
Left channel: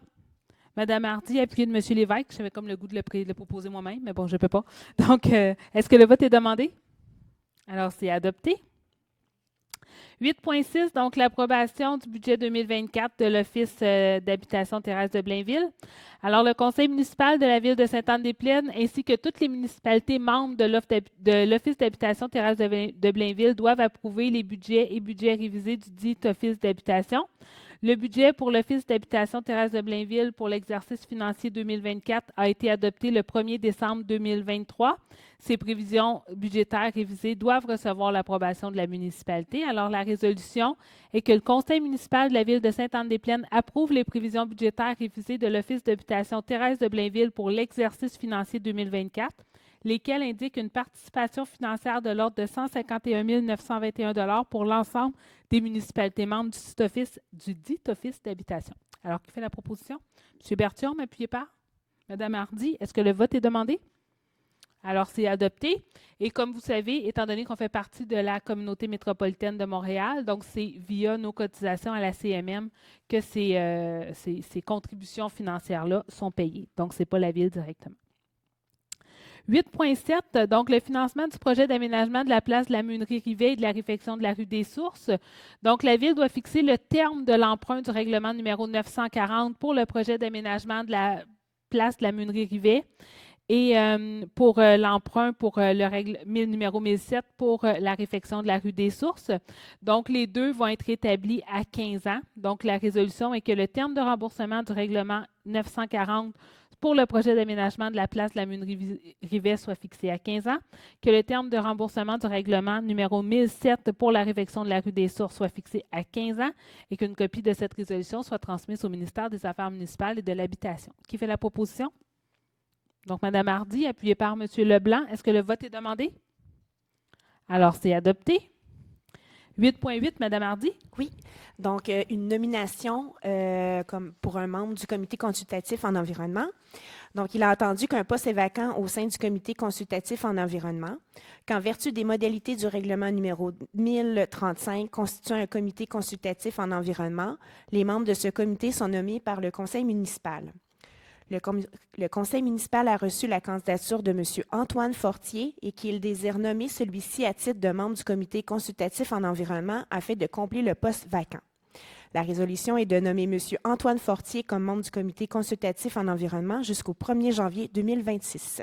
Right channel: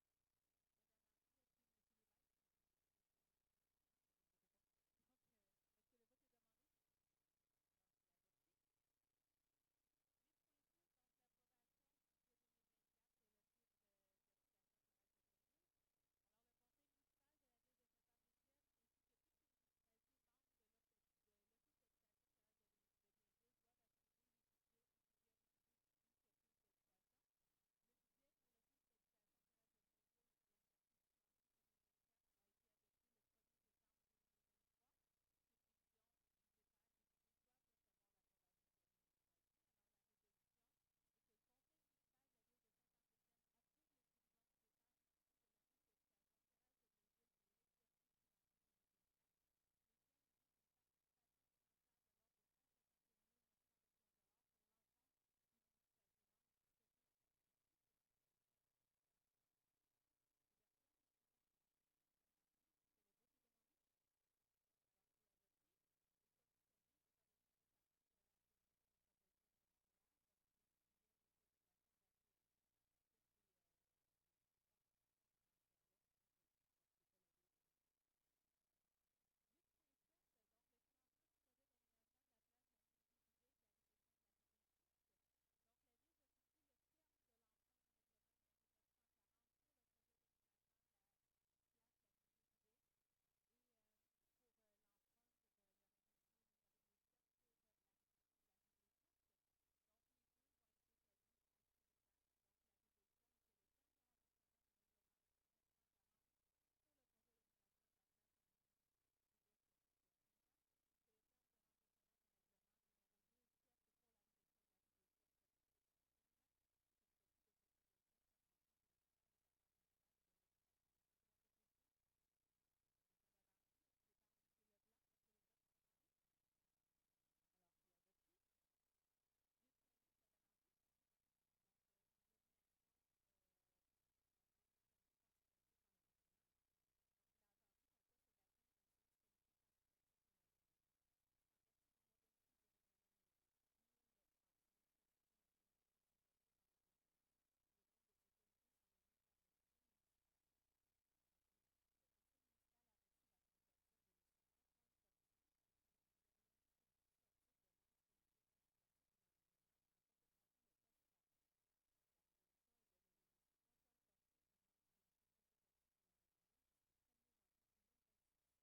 Mme Hardy, appuyée de M. Lévesque. J'avais comme le goût de le proposer moi-même, mais bon, je ne peux pas. Donc, est-ce que le vote est demandé? Alors, c'est adopté. 8.6, donc l'approbation du budget 2024 de l'Office d'habitation terrestre de Blainville. Alors, le conseil municipal de la Ville de Sainte-Anne-des-Plaines ainsi que toutes les municipalités membres de l'Office d'habitation terrestre de Blainville doivent approuver les budgets et budgets révisés du dit Office d'habitation. Le budget pour l'Office d'habitation terrestre de Blainville pour l'exercice financier 2024 a été adopté le 1er décembre 2023. Ces prévisions budgétaires révisées doivent recevoir l'approbation de la municipalité. Alors, la résolution est que le conseil municipal de la Ville de Sainte-Anne-des-Plaines approuve les prévisions budgétaires révisées de l'Office d'habitation terrestre de Blainville pour l'exercice financier 2024, lesquelles indiquent une participation financière de l'ordre de 151 921 $ pour l'ensemble des municipalités membres du dit Office d'habitation. Alors, qui fait la proposition? M. Berthiaume, appuyé par Mme Hardy. Est-ce que le vote est demandé? Alors, c'est adopté. Et comme vous savez, étant donné qu'on fait partie de la communauté métropolitaine de Montréal, donc c'est via nos cotisations à la CMM que ces contributions financières-là sont payées. Donc, ce n'est pas la Ville directement. 8.7, donc le financement du projet d'aménagement de la place de la Meunerie Rivet et de la réfection de la rue des Sources. Donc, la Ville doit fixer le terme de l'emprunt du règlement numéro 940 pour le projet d'aménagement de la place de la Meunerie Rivet et pour l'emprunt pour le numéro 1007 pour la réfection de la rue des Sources. Donc, les deux vont être établis à 15 ans. Donc, la résolution est que le terme de remboursement du règlement 940 pour le projet d'aménagement de la place de la Meunerie Rivet soit fixé à 15 ans, que le terme de remboursement du règlement numéro 1007 pour la réfection de la rue des Sources soit fixé à 15 ans et qu'une copie de cette résolution soit transmise au ministère des Affaires municipales et de l'Habitation. Qui fait la proposition? Donc, Mme Hardy, appuyée par M. Leblanc. Est-ce que le vote est demandé? Alors, c'est adopté. 8.8, Mme Hardy. Oui. Donc, une nomination comme pour un membre du comité consultatif en environnement. Donc, il a entendu qu'un poste est vacant au sein du comité consultatif en environnement, qu'en vertu des modalités du règlement numéro 1035 constituant un comité consultatif en environnement, les membres de ce comité sont nommés par le conseil municipal. Le conseil municipal a reçu la candidature de M. Antoine Fortier et qu'il désire nommer celui-ci à titre de membre du comité consultatif en environnement afin de combler le poste vacant. La résolution est de nommer M. Antoine Fortier comme membre du comité consultatif en environnement jusqu'au 1er janvier 2026.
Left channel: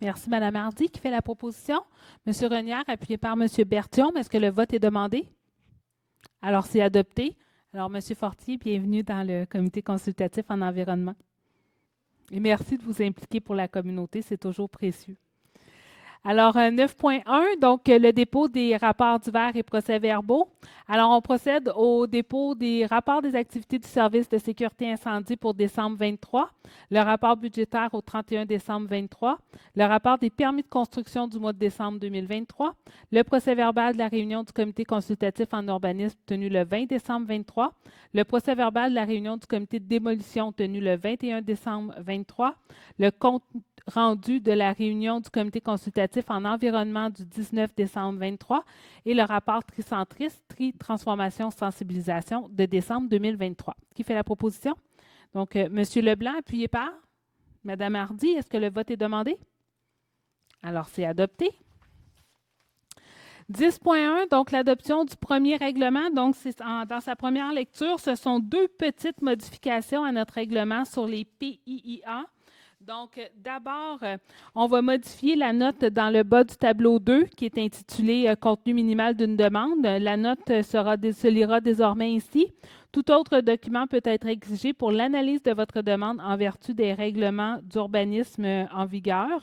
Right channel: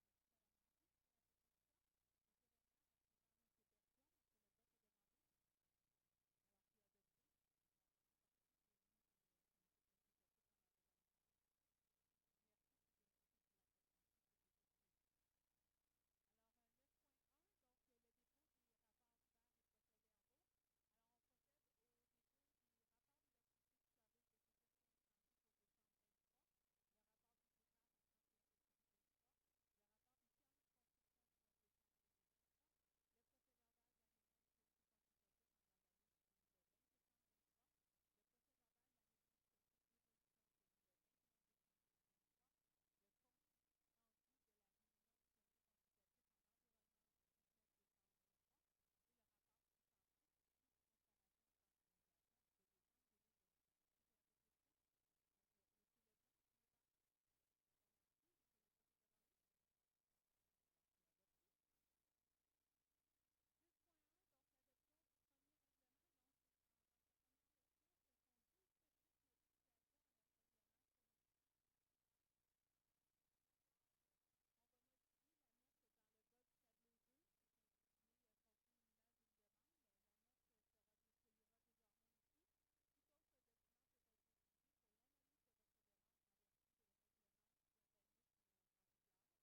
Merci, Mme Hardy. Qui fait la proposition? M. Renière, appuyé par M. Berthiaume. Est-ce que le vote est demandé? Alors, c'est adopté. Alors, M. Fortier, bienvenue dans le comité consultatif en environnement. Et merci de vous impliquer pour la communauté, c'est toujours précieux. Alors, 9.1, donc le dépôt des rapports divers et procès-verbaux. Alors, on procède au dépôt des rapports des activités du service de sécurité incendie pour décembre 23, le rapport budgétaire au 31 décembre 23, le rapport des permis de construction du mois de décembre 2023, le procès-verbal de la réunion du comité consultatif en urbanisme tenu le 20 décembre 23, le procès-verbal de la réunion du comité de démolition tenu le 21 décembre 23, le compte rendu de la réunion du comité consultatif en environnement du 19 décembre 23 et le rapport tricentriste, transformation, sensibilisation de décembre 2023. Qui fait la proposition? Donc, M. Leblanc, appuyé par Mme Hardy. Est-ce que le vote est demandé? Alors, c'est adopté. 10.1, donc l'adoption du premier règlement. Donc, dans sa première lecture, ce sont 2 petites modifications à notre règlement sur les PIIA. Donc, d'abord, on va modifier la note dans le bas du tableau 2 qui est intitulé « Contenu minimal d'une demande ». La note se lira désormais ici. Tout autre document peut être exigé pour l'analyse de votre demande en vertu des règlements d'urbanisme en vigueur.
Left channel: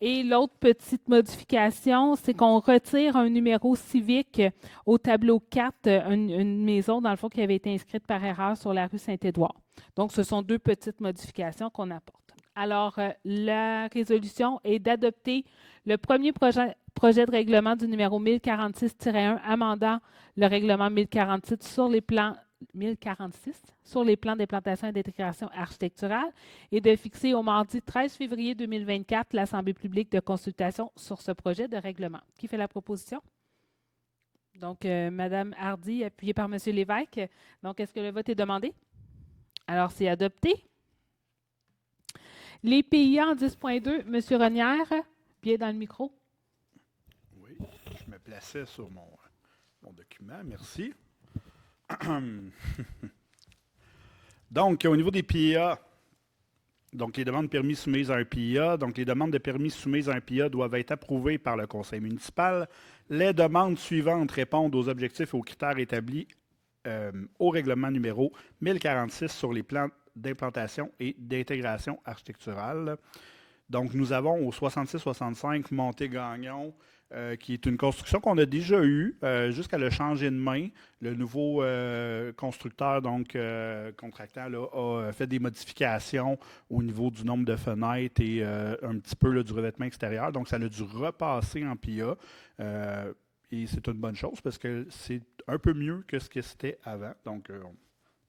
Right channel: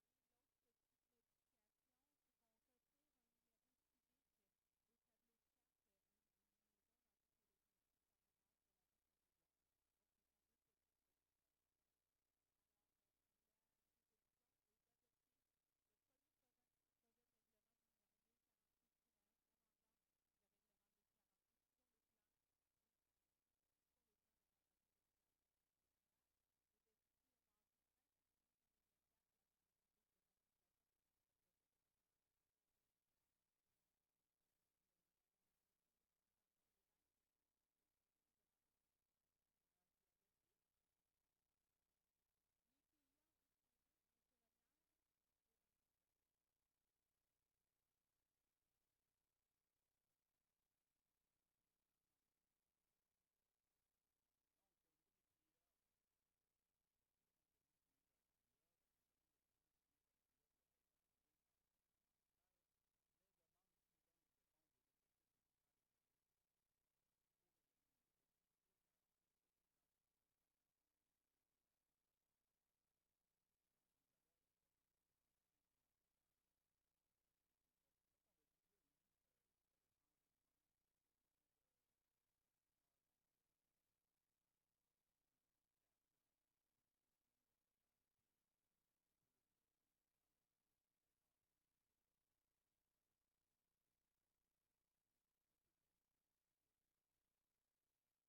Et l'autre petite modification, c'est qu'on retire un numéro civique au tableau 4, une maison, dans le fond, qui avait été inscrite par erreur sur la rue Saint-Édouard. Donc, ce sont 2 petites modifications qu'on apporte. Alors, la résolution est d'adopter le premier projet de règlement du numéro 1046-1 amendant le règlement 1046 sur les plans d'implantation et d'intégration architecturale et de fixer au mardi 13 février 2024 l'Assemblée publique de consultation sur ce projet de règlement. Qui fait la proposition? Donc, Mme Hardy, appuyée par M. Lévesque. Donc, est-ce que le vote est demandé? Alors, c'est adopté. Les PIA en 10.2, M. Renière, bien dans le micro. Oui, je me plaçais sur mon document, merci. Donc, au niveau des PIA, donc les demandes de permis soumises à un PIA, donc les demandes de permis soumises à un PIA doivent être approuvées par le conseil municipal. Les demandes suivantes répondent aux objectifs et aux critères établis au règlement numéro 1046 sur les plans d'implantation et d'intégration architecturale. Donc, nous avons au 66-65 Montée-Gagnon, qui est une construction qu'on a déjà eue jusqu'à le changer de main. Le nouveau constructeur, donc contractant, là, a fait des modifications au niveau du nombre de fenêtres et un petit peu là, du revêtement extérieur. Donc, ça a dû repasser en PIA. Et c'est une bonne chose parce que c'est un peu mieux que ce que c'était avant. Donc,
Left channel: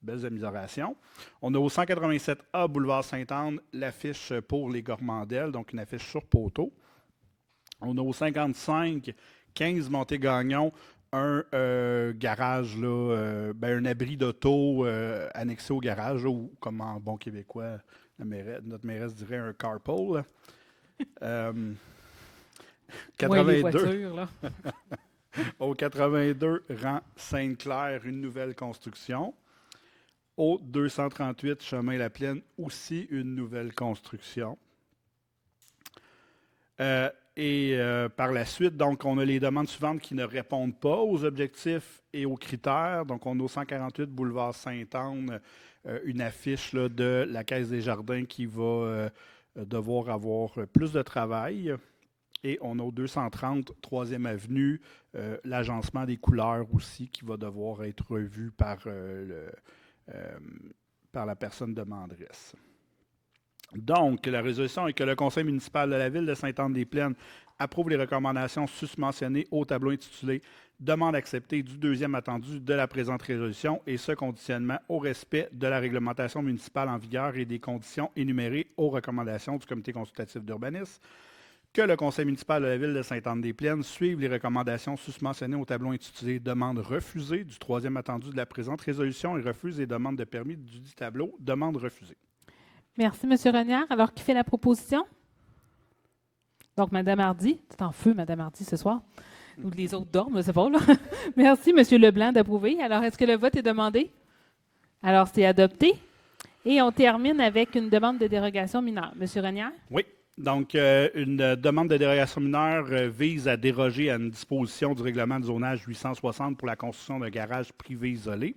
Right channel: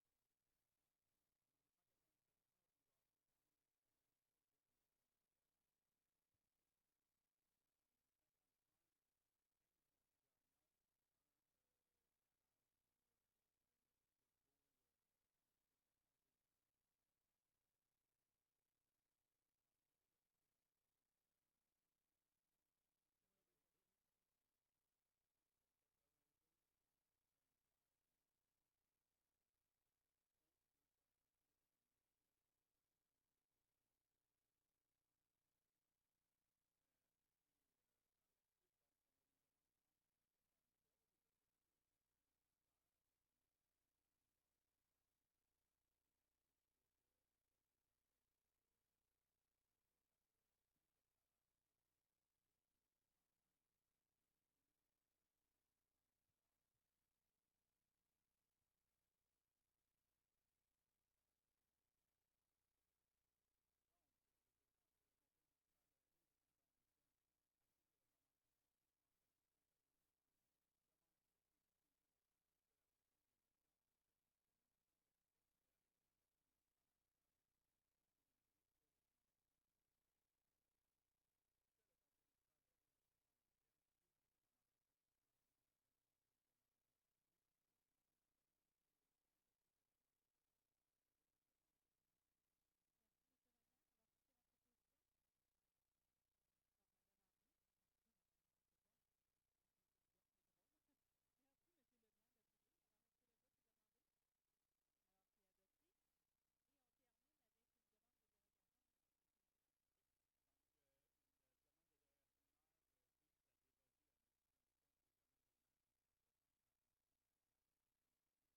belles améliorations. On a au 187A Boulevard Sainte-Anne l'affiche pour les Gormandelles, donc une affiche sur poteau. On a au 55-15 Montée-Gagnon un garage, là, un abri d'auto annexé au garage, là, ou comme en bon québécois, notre mairesse dirait un carpool. 82. Ouais, les voitures, là. Au 82 rang Sainte-Claire, une nouvelle construction. Au 238 Chemin La Plaine, aussi une nouvelle construction. Par la suite, donc, on a les demandes suivantes qui ne répondent pas aux objectifs et aux critères. Donc, on a au 148 Boulevard Sainte-Anne une affiche là, de la Caisse des Jardins qui va devoir avoir plus de travail. Et on a au 230 3e Avenue l'agencement des couleurs aussi qui va devoir être revu par la personne demanderesse. Donc, la résolution est que le conseil municipal de la ville de Sainte-Anne-des-Plaines approuve les recommandations susmentionnées au tableau intitulé « Demande acceptée du 2e attendu de la présente résolution et ce conditionnement au respect de la réglementation municipale en vigueur et des conditions énumérées aux recommandations du comité consultatif d'urbanisme. que le conseil municipal de la ville de Sainte-Anne-des-Plaines suive les recommandations susmentionnées au tableau intitulé « Demande refusée » du troisième attendu de la présente résolution et refuse les demandes de permis du dit tableau. Demande refusée. Merci, M. Renière. Alors, qui fait la proposition? Donc, Mme Hardy. C'est en feu, Mme Hardy, ce soir. Ou les autres dorment, c'est pas là. Merci, M. Leblanc, d'approuver. Alors, est-ce que le vote est demandé? Alors, c'est adopté. Et on termine avec une demande de dérogation mineure. M. Renière? Oui. Donc, une demande de dérogation mineure vise à déroger à une disposition du règlement de zonage 860 pour la construction d'un garage privé isolé.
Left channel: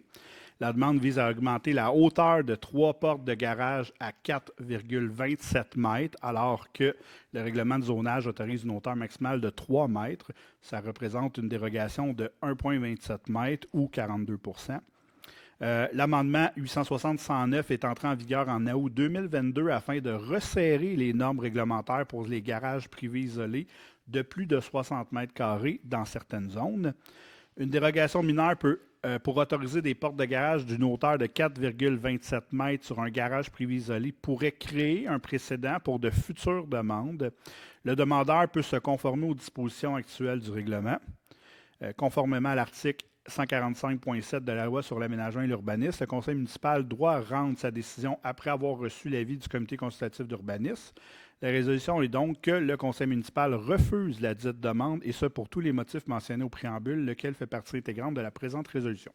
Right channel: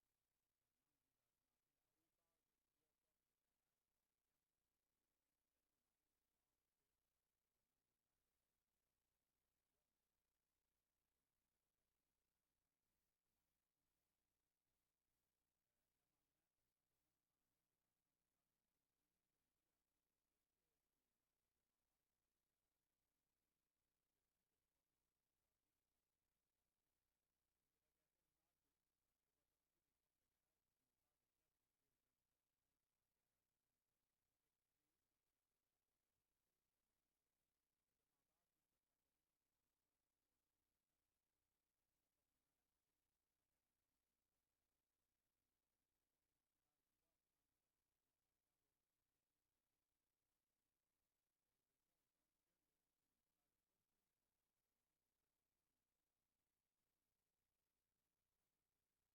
La demande vise à augmenter la hauteur de 3 portes de garage à 4,27 mètres, alors que le règlement de zonage autorise une hauteur maximale de 3 mètres. Ça représente une dérogation de 1,27 mètres ou 42 %. L'amendement 860-109 est entré en vigueur en août 2022 afin de resserrer les normes réglementaires pour les garages privés isolés de plus de 60 mètres carrés dans certaines zones. Une dérogation mineure pour autoriser des portes de garage d'une hauteur de 4,27 mètres sur un garage privé isolé pourrait créer un précédent pour de futures demandes. Le demandeur peut se conformer aux dispositions actuelles du règlement. Conformément à l'article 145.7 de la loi sur l'aménagement et l'urbanisme, le conseil municipal doit rendre sa décision après avoir reçu l'avis du comité consultatif d'urbanisme. La résolution est donc que le conseil municipal refuse la dite demande, et ce pour tous les motifs mentionnés au préambule, lequel fait partie intégrante de la présente résolution.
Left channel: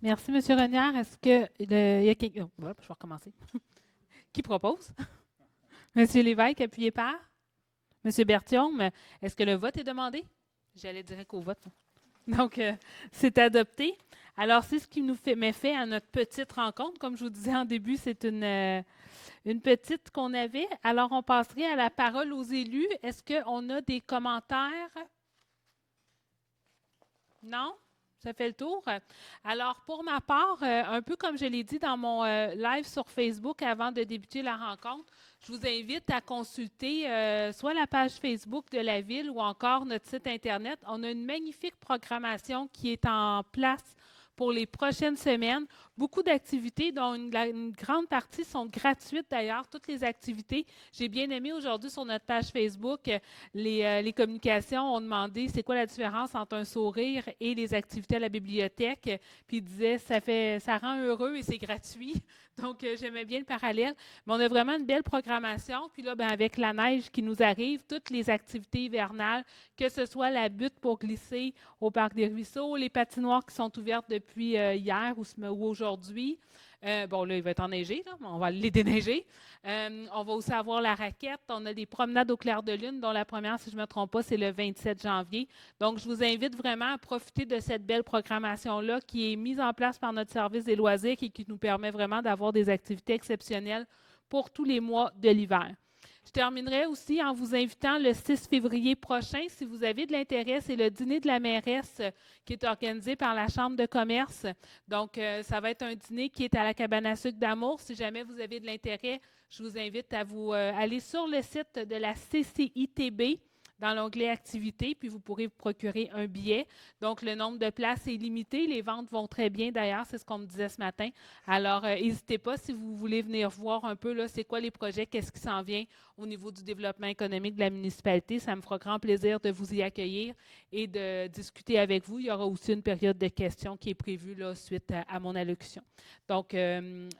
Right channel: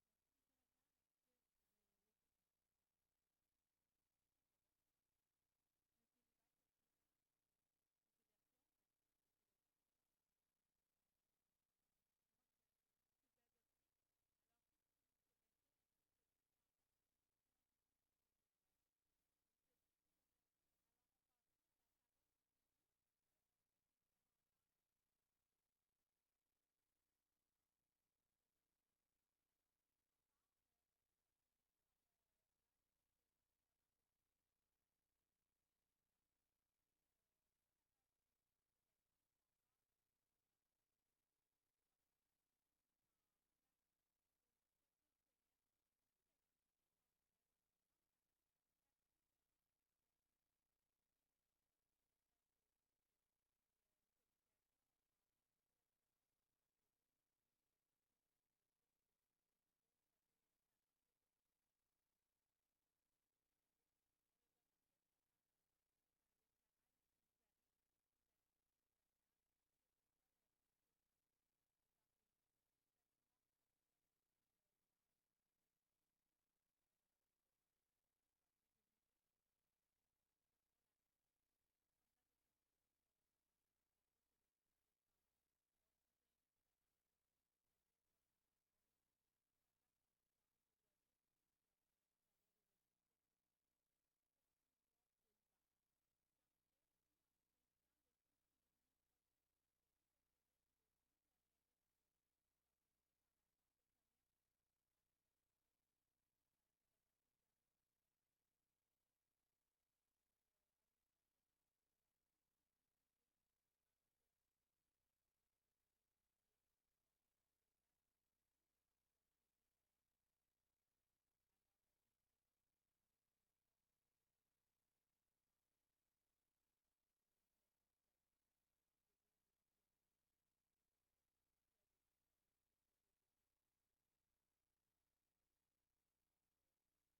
Merci, M. Renière. Est-ce que il y a quelqu'un... je vais recommencer. Qui propose? M. Lévesque, appuyé par? M. Berthiaume, est-ce que le vote est demandé? J'allais direct au vote. Donc, c'est adopté. Alors, c'est ce qui nous met fait à notre petite rencontre. Comme je vous disais en début, c'est une petite qu'on avait. Alors, on passerait à la parole aux élus. Est-ce qu'on a des commentaires? Non? Ça fait le tour. Alors, pour ma part, un peu comme je l'ai dit dans mon live sur Facebook avant de débuter la rencontre, je vous invite à consulter soit la page Facebook de la Ville ou encore notre site Internet. On a une magnifique programmation qui est en place pour les prochaines semaines. Beaucoup d'activités, dont une grande partie sont gratuites d'ailleurs, toutes les activités. J'ai bien aimé aujourd'hui sur notre page Facebook, les communications ont demandé c'est quoi la différence entre un sourire et les activités à la bibliothèque. Puis ils disaient ça rend heureux et c'est gratuit. Donc, j'aimais bien le parallèle. Mais on a vraiment une belle programmation. Puis là, avec la neige qui nous arrive, toutes les activités hivernales, que ce soit la butte pour glisser au Parc des Ruisseaux, les patinoires qui sont ouvertes depuis hier ou aujourd'hui. Bon, là, il va être enneigé, là, mais on va les déneiger. On va aussi avoir la raquette. On a des promenades au clair de lune, dont la première, si je ne me trompe pas, c'est le 27 janvier. Donc, je vous invite vraiment à profiter de cette belle programmation-là qui est mise en place par notre service des loisirs et qui nous permet vraiment d'avoir des activités exceptionnelles pour tous les mois de l'hiver. Je terminerai aussi en vous invitant le 6 février prochain, si vous avez de l'intérêt, c'est le dîner de la mairesse qui est organisé par la Chambre de commerce. Donc, ça va être un dîner qui est à la cabane à sucre d'Amour. Si jamais vous avez de l'intérêt, je vous invite à vous aller sur le site de la CCITB dans l'onglet Activités, puis vous pourrez vous procurer un billet. Donc, le nombre de places est limité. Les ventes vont très bien, d'ailleurs, c'est ce qu'on me disait ce matin. Alors, n'hésitez pas si vous voulez venir voir un peu, là, c'est quoi les projets, qu'est-ce qui s'en vient au niveau du développement économique de la municipalité. Ça me fera grand plaisir de vous y accueillir et de discuter avec vous. Il y aura aussi une période de questions qui est prévue là, suite à mon allocution. Donc,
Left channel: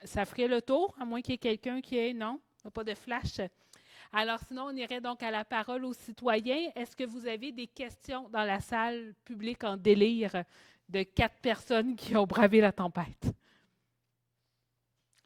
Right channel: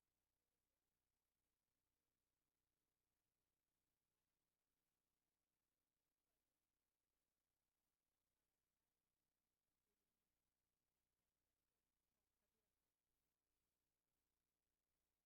ça ferait le tour, à moins qu'il y ait quelqu'un qui ait... Non, pas de flash. Alors, sinon, on irait donc à la parole aux citoyens. Est-ce que vous avez des questions dans la salle publique en délire de 4 personnes qui ont bravé la tempête?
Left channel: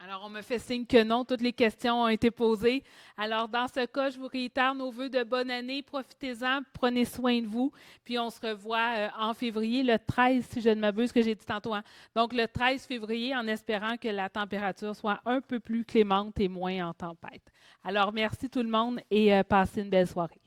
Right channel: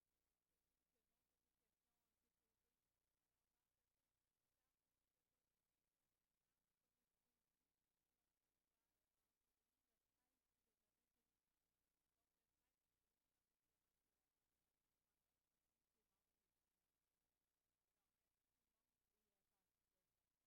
Alors, on me fait signe que non, toutes les questions ont été posées. Alors, dans ce cas, je vous réitère nos vœux de bonne année. Profitez-en, prenez soin de vous. Puis, on se revoit en février, le 13, si je ne m'abuse, que j'ai dit tantôt. Hein? Donc, le 13 février, en espérant que la température soit un peu plus clémente et moins en tempête. Alors, merci tout le monde et passez une belle soirée.